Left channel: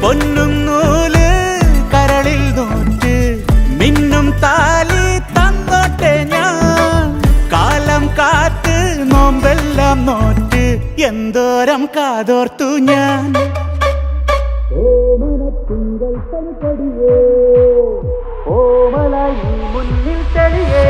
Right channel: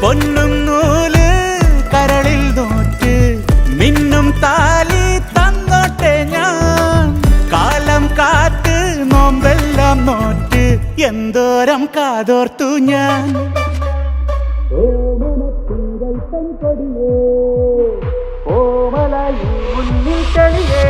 പൊന്നും നൂല് കരളിൽ നോറ്റ് മിന്നും താലി തന്നോട്ടെ ഞാൻ. കാലം കാറ്റ് നോമ്പെല്ലാം നോറ്റ് എന്തോരം കാതോർത്തു ഞാൻ. ഓമനത്തിങ്കൾ തനിപ്പടിയേ ഓമലായി മുന്നിൽ തെളിയേ